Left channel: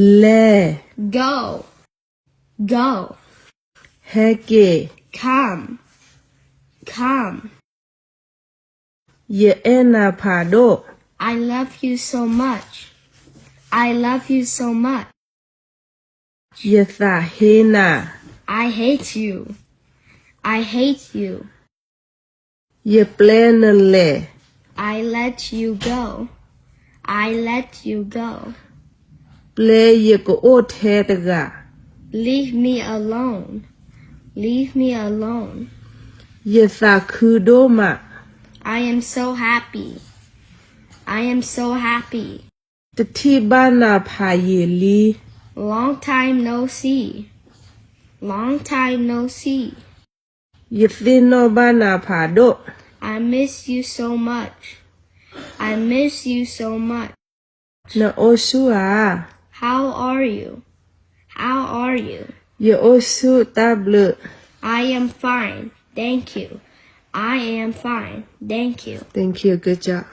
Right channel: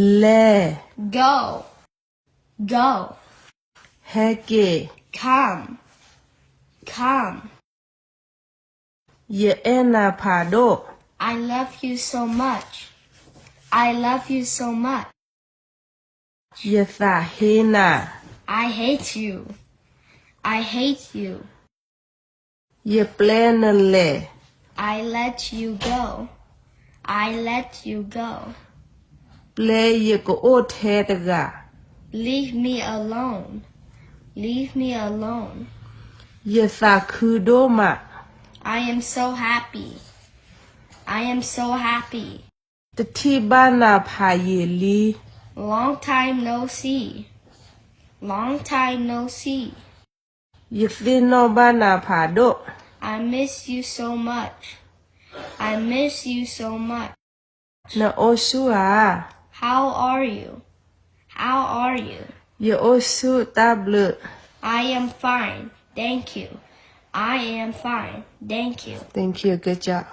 Le. Go. Go. Heke. Come. Come. Ye ena pado. I love you so much. I love you so much. Ye thahena. I hate you. I hate you. Ye plenale. I let you go. I let you go. Ple ye ko otega. Leave me alone. Leave me alone. Ye thakudoma. I am so happy. I am so happy. Tatibana payeli. Long time no see. Long time no see. Ye thino bana pado. I miss you so much. I miss you so much. Na osua. How are you? How are you? Ye osu table. I am fine. Thank you. I am fine. Thank you. Thank you. Good job.